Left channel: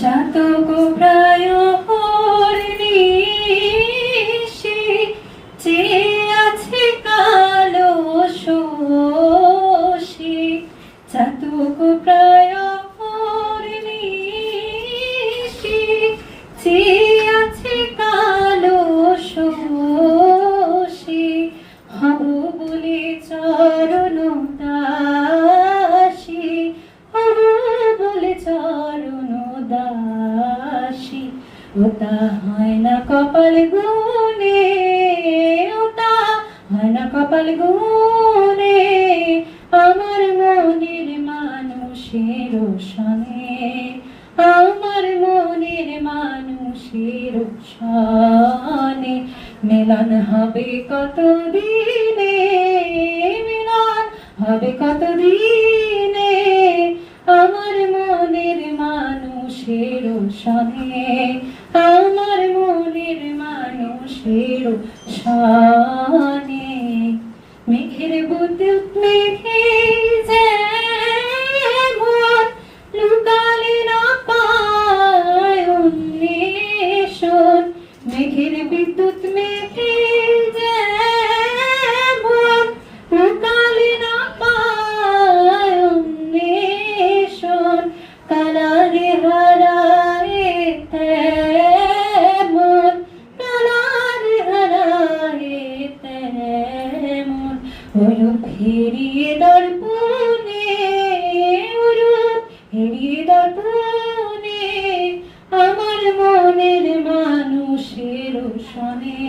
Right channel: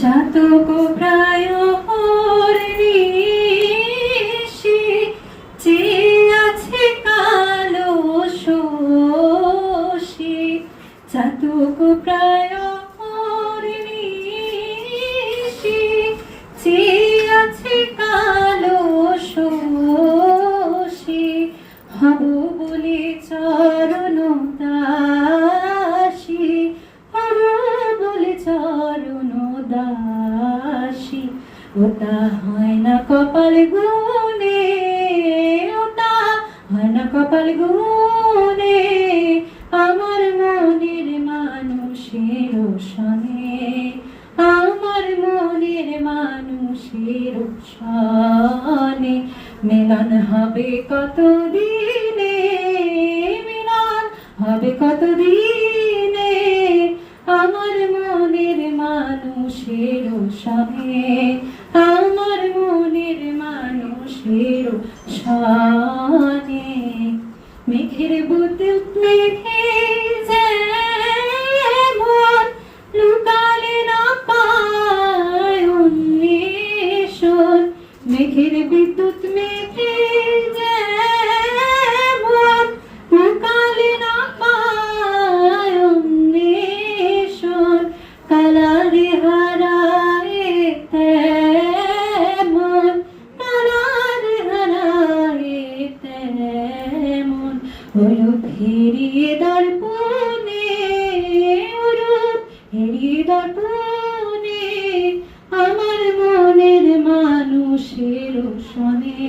চাতক প্রায় হরিণী চেয়ে আছে কালো শশী। চাতক প্রায় হরিণী চেয়ে আছে কালো শশী। হব বলে চরণ দাসী, হব বলে চরণ দাসী। ওটা হয় না কপাল গুনে, ওটা হয় না কপাল গুনে, আমার মনের মানুষের সনে, আমার মনের মানুষের সনে। মিলন হবে কত দিনে, মিলন হবে কত দিনে, আমার মনের মানুষের সনে, আমার মনের মানুষের সনে। মেঘের বুদবুদ মেঘে যেমন লুকালে না পায় অন্বেষণ, মেঘের বিদ্যুৎ মেঘে যেমন লুকালে না পায় অন্বেষণ। কালারে হারায় তেমন, কালারে হারায় তেমন, ওরূপ হেরিয়ে দর্পণে, ওরূপ হেরিয়ে দর্পণে, আমার মনের মানুষের সনে।